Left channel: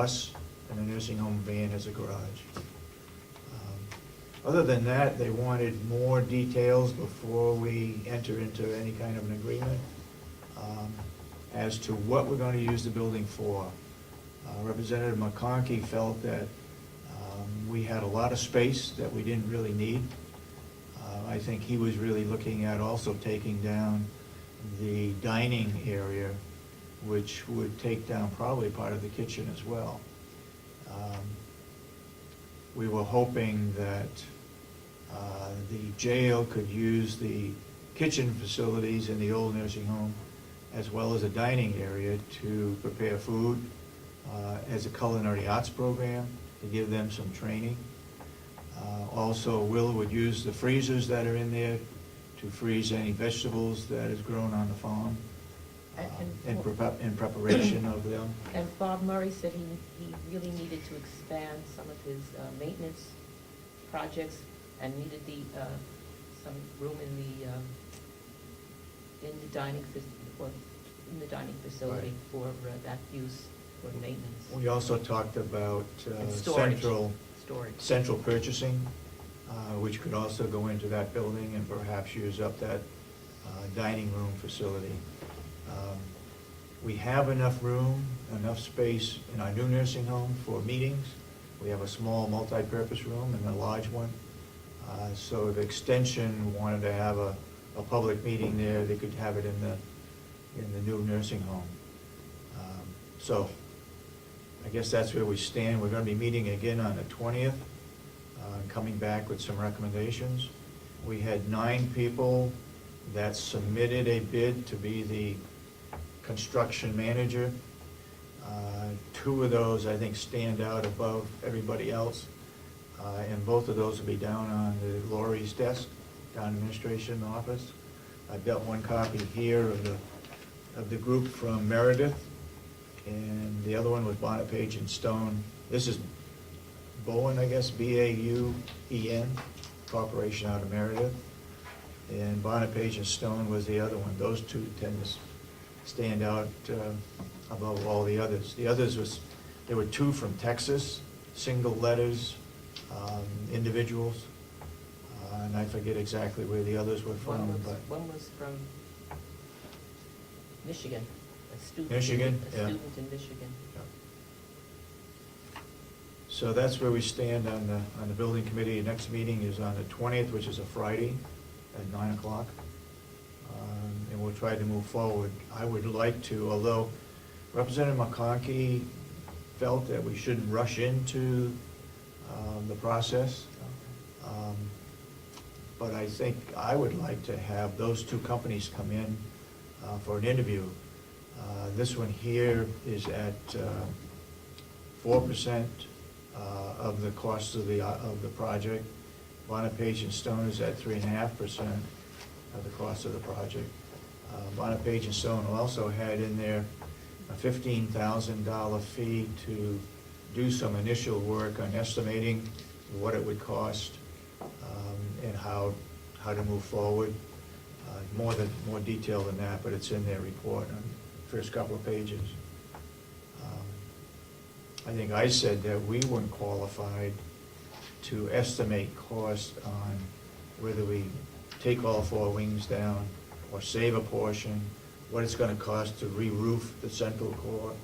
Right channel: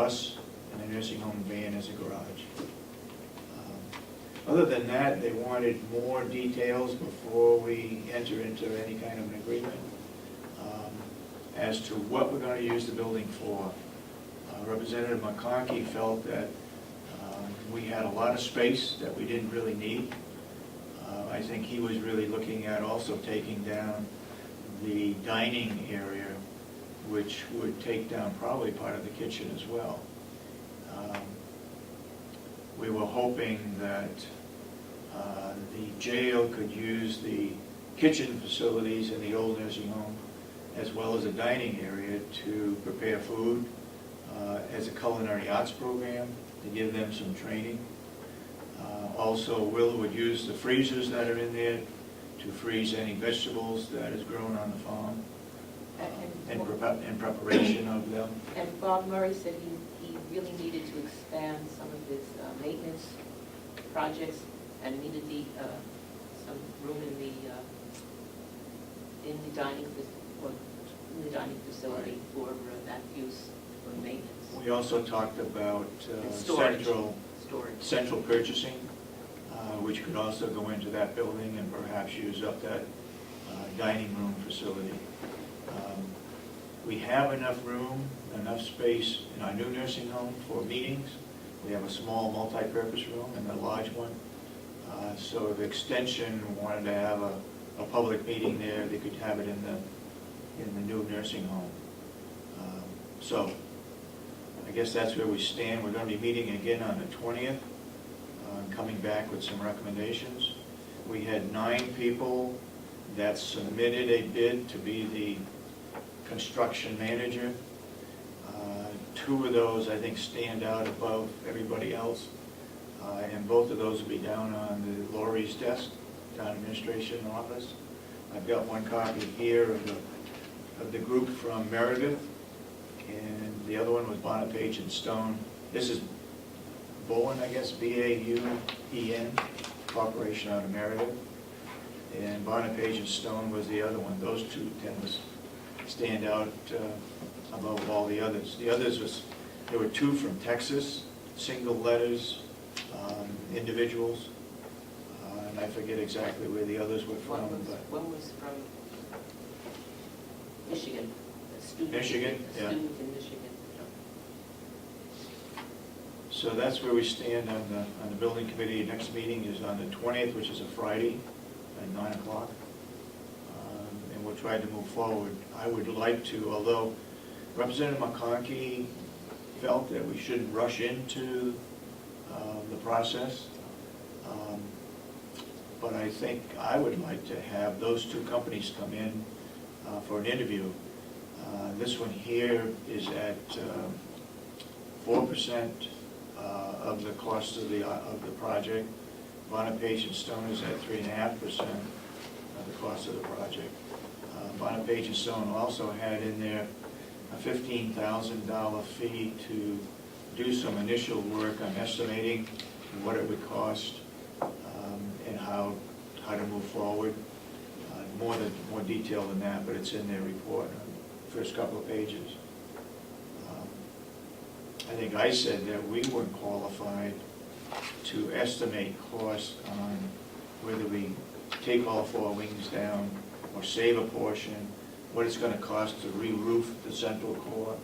us and the nursing home van as a garage. Other than that, they wanted more details before we enter into any kind of an agreement as to what we're going to use the building for. Representative McConkey felt that we had a lot of space that we didn't really need. I think he was really looking at also taking down the dining area, which would take down probably part of the kitchen as well. We were hoping that the jail could use the kitchen facilities in the old nursing home as well as a dining area to prepare food as a culinary arts program, to give them some training. Also, Will would use the freezers that are in there to freeze any vegetables that is grown on the farm in preparation of them. And Bob Murray said he really needed to expand some of his maintenance projects and needed some room in the dining facility for that use for maintenance. We also talked about central purchasing, which could also go into that building and perhaps use up that dining room facility. We have enough room, enough space in our new nursing home for meetings. We have a small multi-purpose room and a large one. So if Extension wanted to have a public meeting there, they could have it in the new nursing home. So I guess that's where we stand. We're going to be meeting again on the 20th, coming back with some recommendations. We had 9 people that submitted a bid to be the construction manager. 2 of those, I think, stand out above everybody else. And both of those will be down on the Laurie's desk, town administration office. I've got one copy here of the group from Meredith, and the other one was Bonapage and Stone. This is Bowen, I guess, B-A-U-E-N, Corporation out of Meredith. And Bonapage and Stone was the other one. Those 2 tend to stand out above all the others. The others there were 2 from Texas, single letters, individuals, and I forget exactly where the others were from. One was from Michigan, a student. Michigan, a yeah. Student in Michigan. So that's where we stand on the building committee. Next meeting is on the 20th, which is a Friday at 9 o'clock. And we'll try to move forward. I would like to, although Representative McConkey felt that we shouldn't rush into the process, but I think I would like to have those 2 companies come in for an interview. This one here is at 4% of the cost of the project. Bonapage and Stone is at 3.5% of the cost of the project. Bonapage and Stone also had in there a $15,000 fee to do some initial work on estimating what it would cost and how to move forward. More detail than that, but it's in their report, first couple of pages. I think I said that we weren't qualified to estimate cost on whether we take all 4 wings down or save a portion, what it's going to cost to re-roof the central core,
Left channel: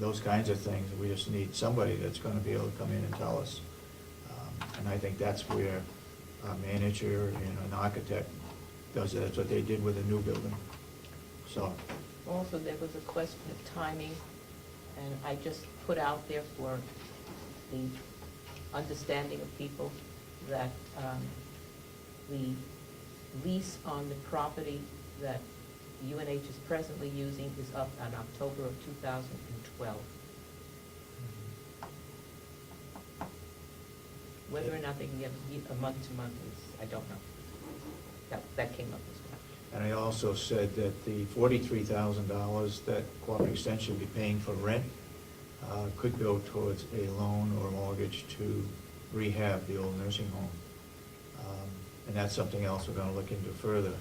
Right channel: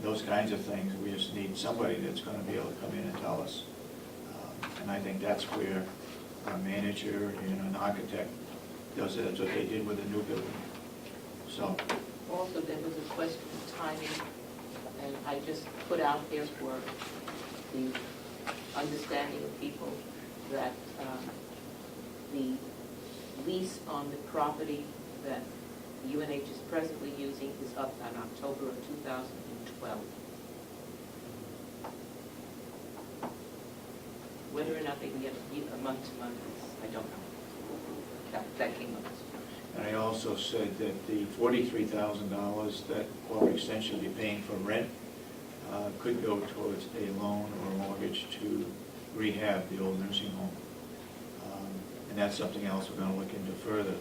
those kinds of things. We just need somebody that's going to be able to come in and tell us. And I think that's where our manager and an architect does it. That's what they did with the new building. So. Also, there was a question of timing, and I just put out there for the understanding of people that the lease on the property that UNH is presently using is up in October of 2012. Whether or not they can get a month-to-month, I don't know. That came up. And I also said that the $43,000 that Quality Extension will be paying for rent could go towards a loan or mortgage to rehab the old nursing home. And that's something else we're going to look into further.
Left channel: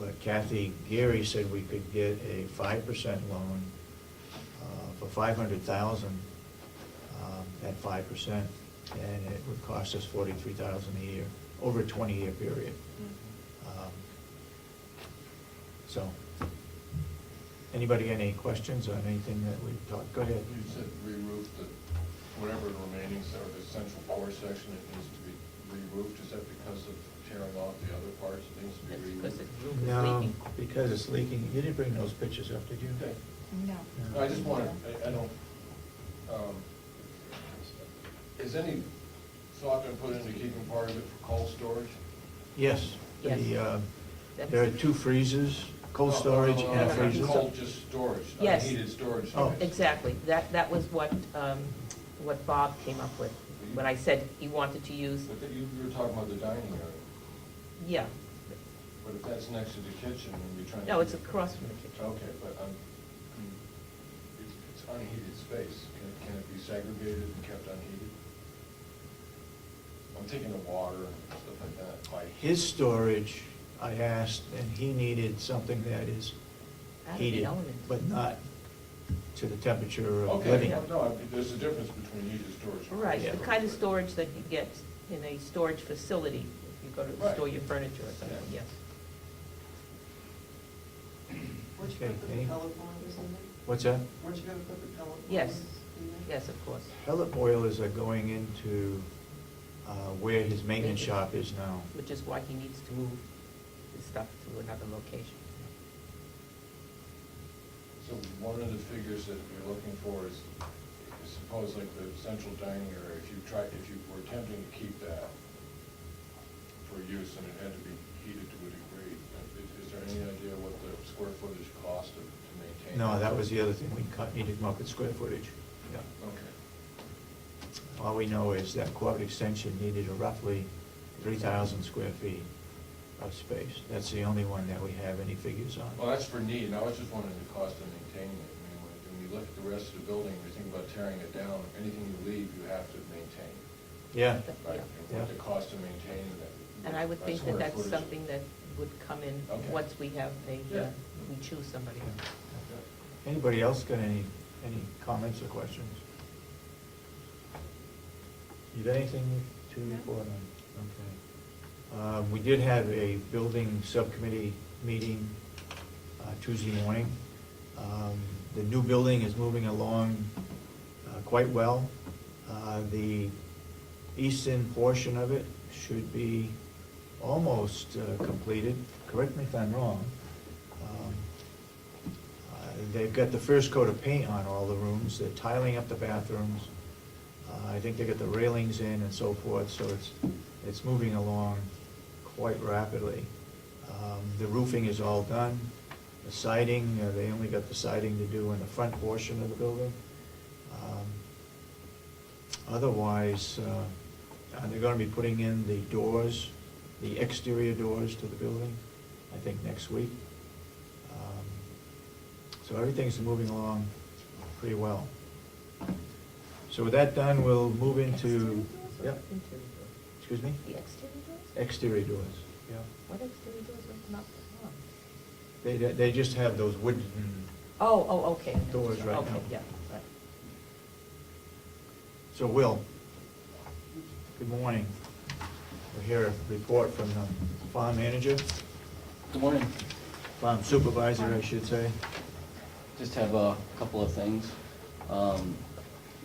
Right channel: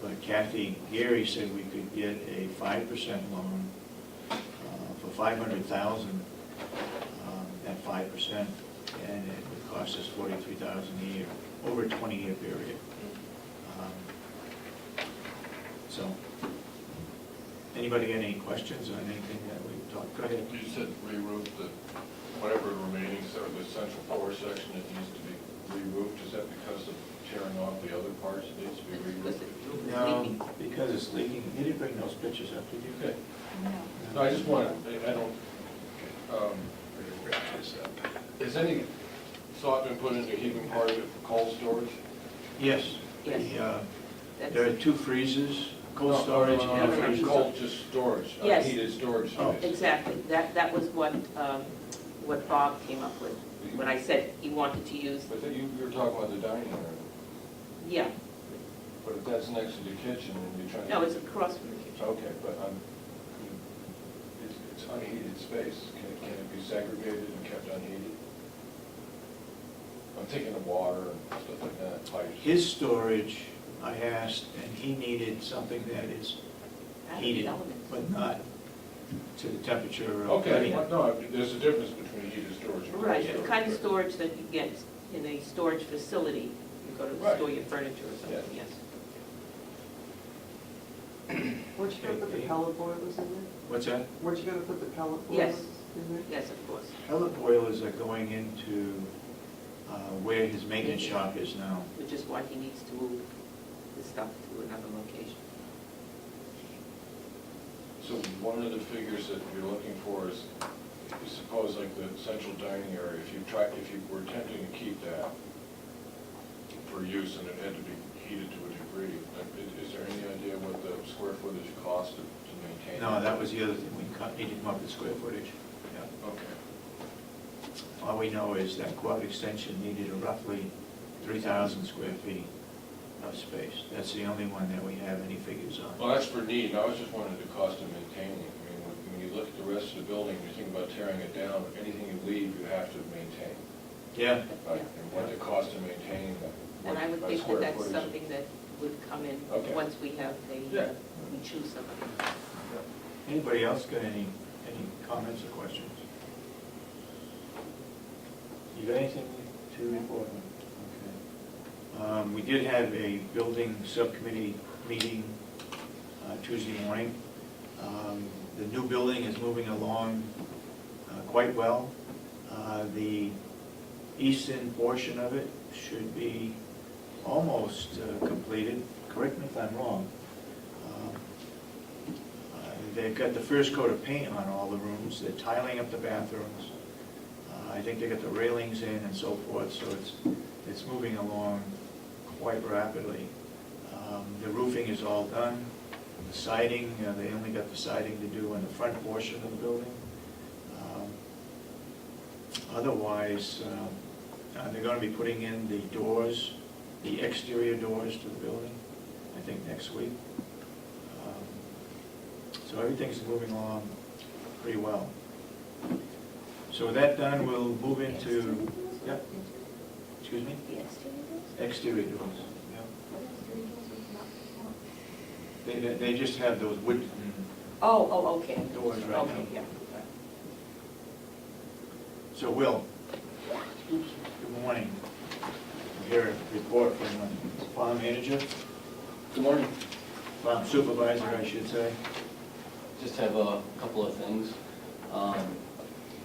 But Kathy Geary said we could get a 5% loan for $500,000 at 5%, and it would cost us $43,000 a year over a 20-year period. So, anybody got any questions on anything that we've talked? Go ahead. You said re-roof the, whatever the remaining, or the central core section that needs to be re-roofed, is that because of tearing off the other parts, it needs to be It's because re-roofed? the roof is No, leaking. because it's leaking. You didn't bring those pictures up, did you? Okay. No. No, I just wanted, I don't, is any thought been put into keeping part of it for cold storage? Yes. Yes. There are two freezers, cold No, storage no, and no, no, freezers. cold, just storage, Yes. heated storage Oh. space. Exactly, that was what Bob came up with, when I said he wanted to use, But you're talking about the dining area, yeah, but if that's next to the kitchen and you're trying to. no, it's across from the kitchen. Okay, but it's unheated space, can it be segregated and kept unheated? I'm thinking of water and stuff like that, pipes. His storage, I asked, and he needed something that is That's heated, the elements. but not to the temperature of Okay, living. well, no, there's a difference between heated storage and cold Right, storage. the kind of storage that you get in a storage facility, you go to Right. store your furniture or something, Yeah. yes. Weren't you gonna put the Okay. pellet boilers in there? What's that? Weren't you gonna put the pellet Yes. boilers in there? Yes, of course. Pellet boilers are going into where his maintenance shop is now. Which is why he needs to move the stuff to another location. So one of the figures that you're looking for is, you suppose like the central dining area, if you were attempting to keep that for use and it had to be heated to a degree, is there any idea what the square footage cost to maintain? No, that was the other thing we cut, he didn't mark the square footage. Yeah. Okay. All we know is that quad extension needed roughly 3,000 square feet of space. That's the only one that we have any figures on. Well, that's for need, and I was just wondering the cost of maintaining it. I mean, when you look at the rest of the building, you think about tearing it down, anything you leave, you have to maintain, Yeah, right? And what the cost of maintaining that. And I would think that square that's footage. something that would come in Okay. once we have Yeah. we choose somebody. anybody else got any comments or questions? You got anything to report on? Okay. We did have a building subcommittee meeting Tuesday morning. The new building is moving along quite well. The eastern portion of it should be almost completed. Correct me if I'm wrong. They've got the first coat of paint on all the rooms. They're tiling up the bathrooms. I think they got the railings in and so forth, so it's moving along quite rapidly. The roofing is all done. The siding, they only got the siding to do in the front portion of the building. Otherwise, they're gonna be putting in the doors, the exterior doors to the building, I think next week. So everything's moving along pretty well. So with that done, we'll move into, yep, excuse me? The exterior doors? Exterior doors, yeah. What exterior doors is not one? They just have those wooden Oh, okay. doors right now. Okay, yeah. So Will, good morning. We hear a report from the farm manager, Good morning. farm supervisor, I should say. Just have a couple of things.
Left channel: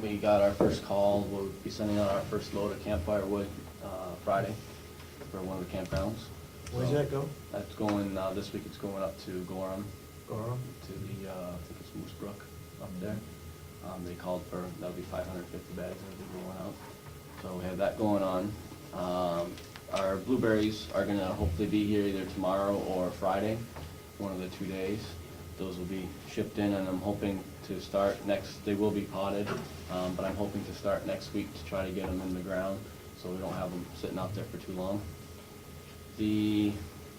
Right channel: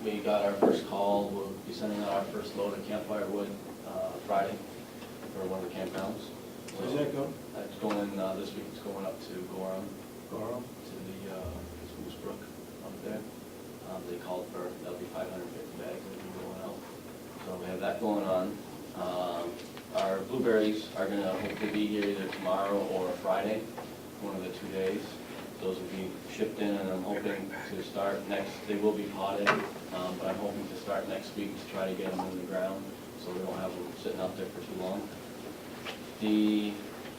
We got our first call, we'll be sending out our first load of campfire wood Friday for one of the campgrounds. Where's that go? That's going, this week it's going up to Gorham, Goro? to the Moose Brook up there. They called for, that'll be 550 bags that will be going out. So we have that going on. Our blueberries are gonna hopefully be here either tomorrow or Friday, one of the 2 days. Those will be shipped in, and I'm hoping to start next, they will be potted, but I'm hoping to start next week to try to get them in the ground, so we don't have them sitting out there for too long. The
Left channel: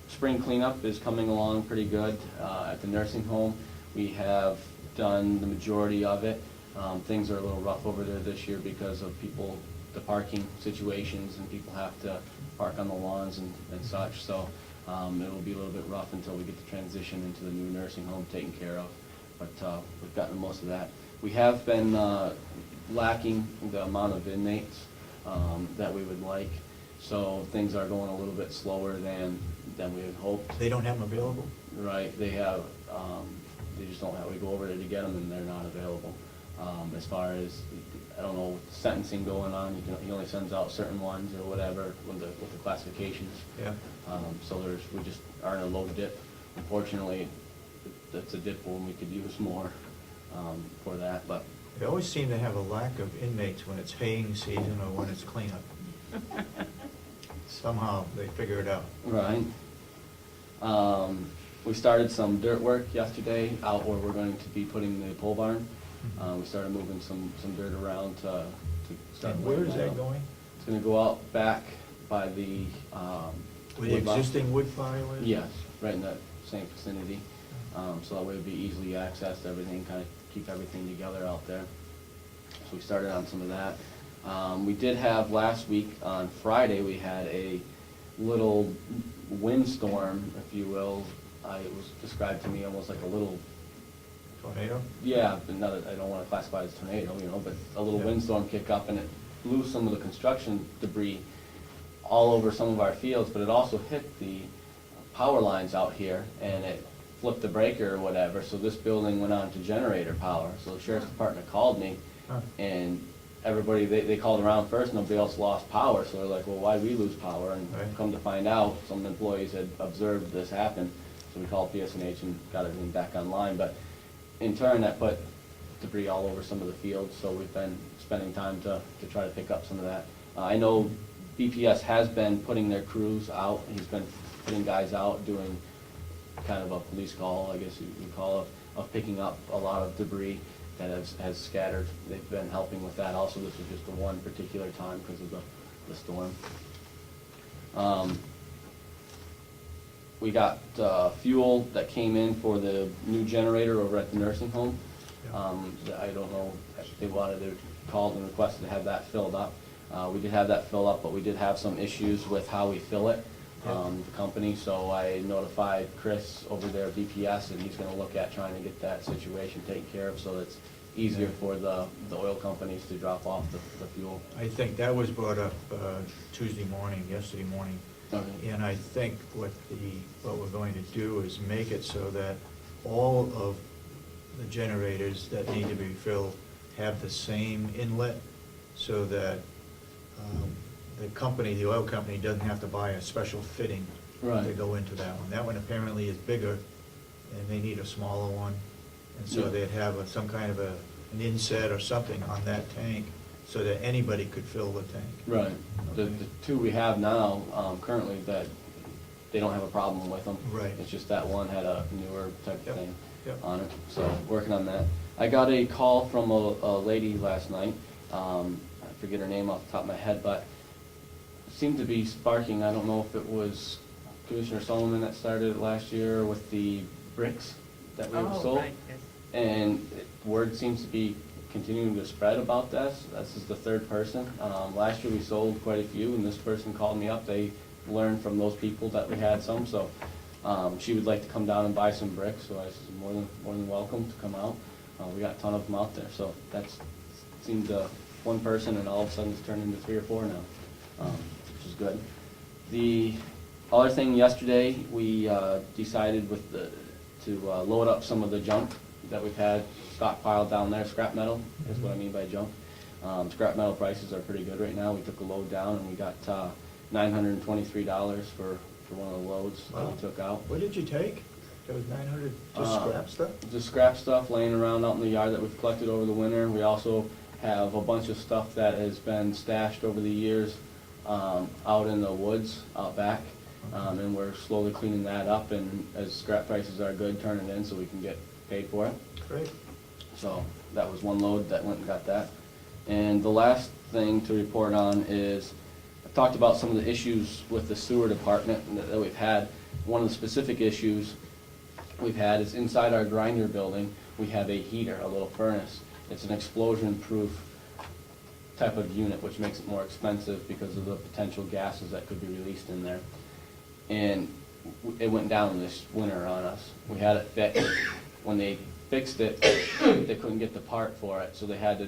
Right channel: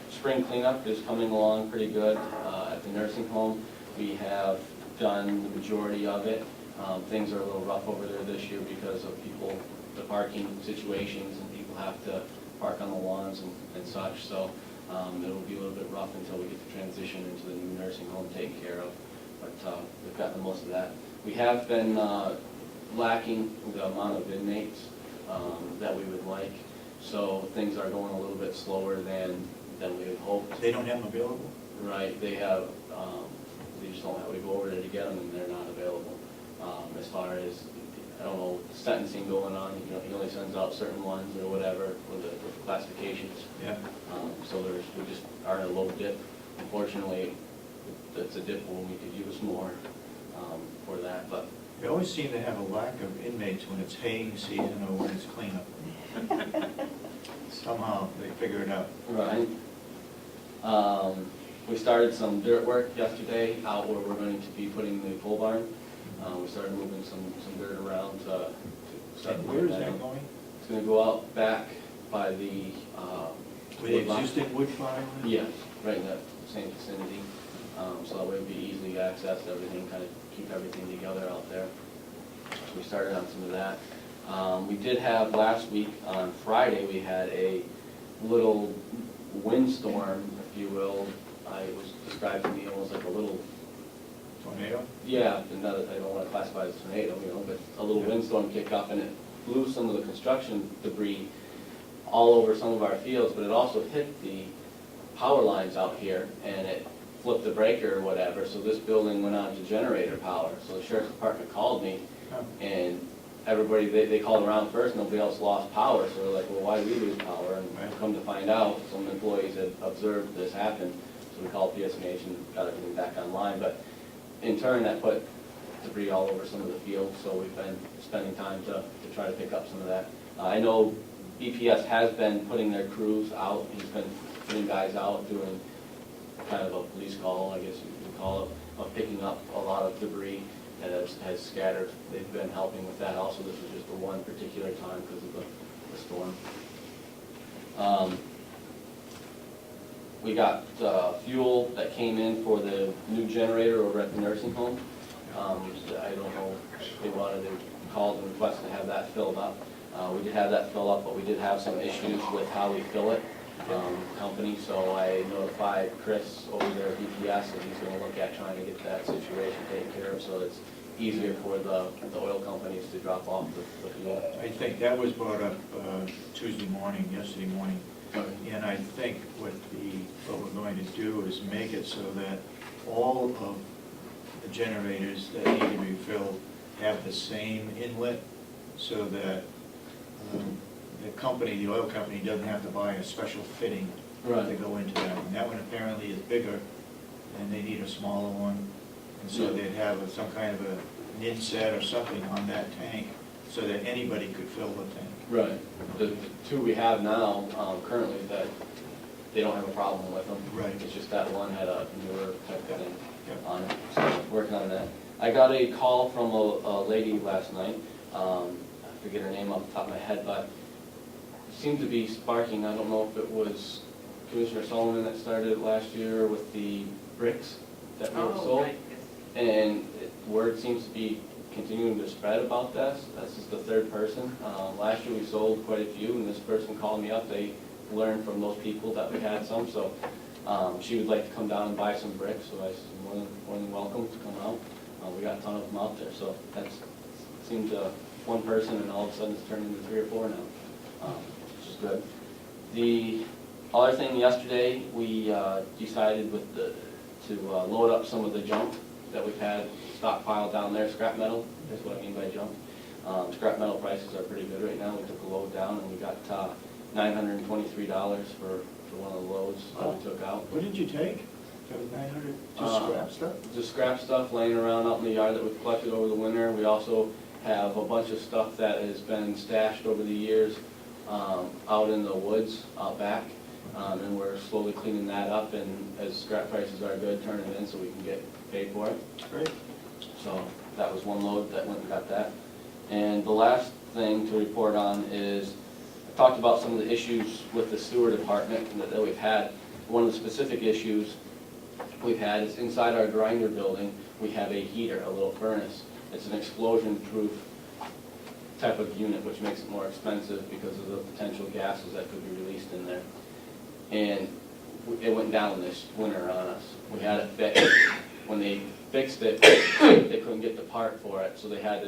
spring cleanup is coming along pretty good. At the nursing home, we have done the majority of it. Things are a little rough over there this year because of people, the parking situations, and people have to park on the lawns and such, so it'll be a little bit rough until we get the transition into the new nursing home taken care of, but we've gotten most of that. We have been lacking the amount of inmates that we would like, so things are going a little bit slower than we had hoped. They don't have them available? Right, they have, they just don't have, we go over there to get them and they're not available. As far as, I don't know, sentencing going on, you know, he only sends out certain ones or whatever with the classifications. Yeah. So we just are in a low dip. Unfortunately, it's a dip where we could use more for that, but. They always seem to have a lack of inmates when it's haying season or when it's cleanup. Somehow they figure it out. Right. We started some dirt work yesterday out where we're going to be putting the pole barn. We started moving some dirt around to start. And where is that going? It's gonna go out back by the, With the existing wood fire? yes, right in that same vicinity. So that way it'd be easily accessed, everything, kind of keep everything together out there. So we started on some of that. We did have last week, on Friday, we had a little windstorm, if you will. It was described to me almost like a little, Tornado? yeah, another, I don't want to classify it as a tornado, you know, but a little Yeah. windstorm kick up and it blew some of the construction debris all over some of our fields, but it also hit the power lines out here and it flipped the breaker or whatever, so this building went on to generator power. So the sheriff's department called me Huh. and everybody, they called around first, nobody else lost power, so they're like, well, why did we lose power? And Right. come to find out, some employees had observed this happen, so we called PSNH and got everything back online. But in turn, that put debris all over some of the fields, so we've been spending time to try to pick up some of that. I know BPS has been putting their crews out, he's been putting guys out, doing kind of a police call, I guess you could call it, of picking up a lot of debris that has scattered. They've been helping with that also. This is just the one particular time because of the storm. We got fuel that came in for the new generator over at the nursing home. I don't know if they wanted to call and request to have that filled up. We did have that filled up, but we did have some issues with how we fill it, company, so I notified Chris over there at BPS, and he's gonna look at trying to get that situation taken care of, so it's easier for the oil companies to drop off the fuel. I think that was brought up yesterday morning. Okay. And I think what we're going to do is make it so that all of the generators that need to be filled have the same inlet, so that the oil company doesn't have to buy a special fitting Right. to go into that one. That one apparently is bigger, and they need a smaller one. And so Yeah. they'd have some kind of an inset or something on that tank, so that anybody could fill the tank. Right. The two we have now, currently, that they don't have a problem with them. Right. It's just that one had a newer type of thing Yep. on it, so working on that. I got a call from a lady last night, I forget her name off the top of my head, but seemed to be sparking, I don't know if it was Commissioner Solomon that started it last year with the bricks that we were sold. Right, yes. And word seems to be continuing to spread about this. This is the third person. Last year we sold quite a few, and this person called me up. They learned from those people that we had some, so she would like to come down and buy some bricks. So I said, more than welcome to come out. We got a ton of them out there, so that's seemed one person, and all of a sudden it's turned into 3 or 4 now, which is good. The other thing yesterday, we decided to load up some of the junk that we've had stockpiled down there, scrap metal, is what I mean by junk. Scrap metal prices are pretty good right now. We took a load down, and we got $923 for one of the loads that we took out. What did you take? That was 900, just scrap stuff? Just scrap stuff laying around out in the yard that we've collected over the winter. We also have a bunch of stuff that has been stashed over the years out in the woods out back. And we're slowly cleaning that up, and as scrap prices are good, turn it in so we can get paid for it. Great. So that was one load that went and got that. And the last thing to report on is, I talked about some of the issues with the sewer department that we've had. One of the specific issues we've had is inside our grinder building, we have a heater, a little furnace. It's an explosion-proof type of unit, which makes it more expensive because of the potential gases that could be released in there. And it went down this winter on us. We had it fixed. When they fixed it, they couldn't get the part for it, so they had to